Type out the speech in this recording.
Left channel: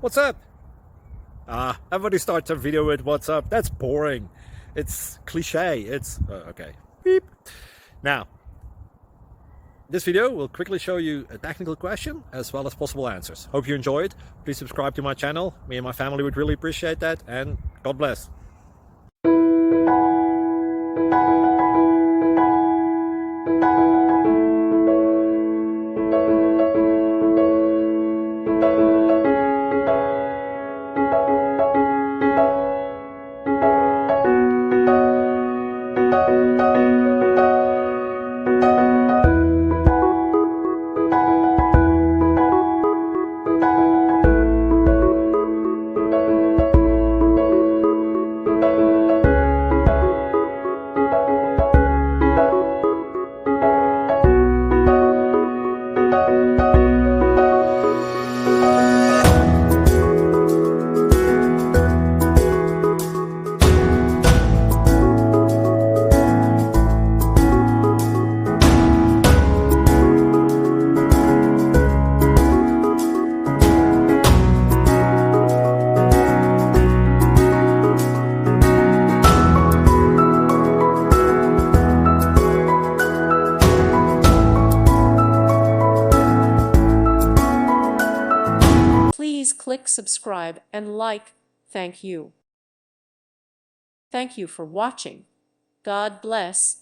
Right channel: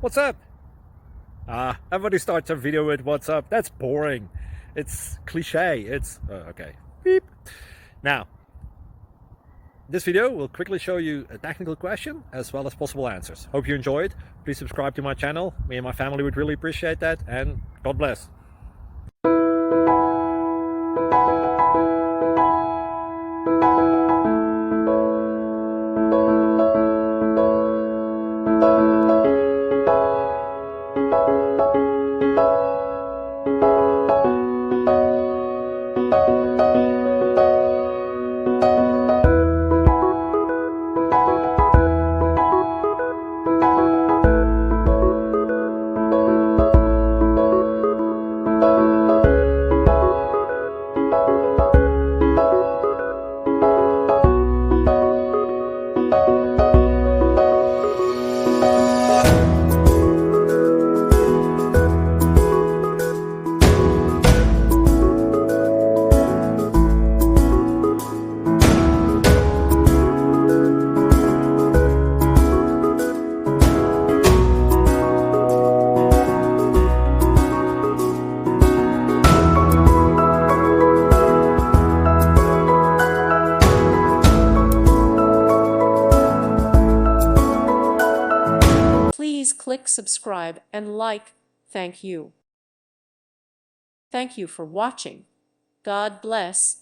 What's up? Everybody starts a video with what's up. That's boring. It's cliche. It's okay. Beep. Now, this video will quickly show you a technical question as well as possible answers. Hope you enjoyed. Please subscribe to my channel. Me and my family would really appreciate that. And God bless. Please click subscribe and like. Thank you. Thank you for watching. God bless.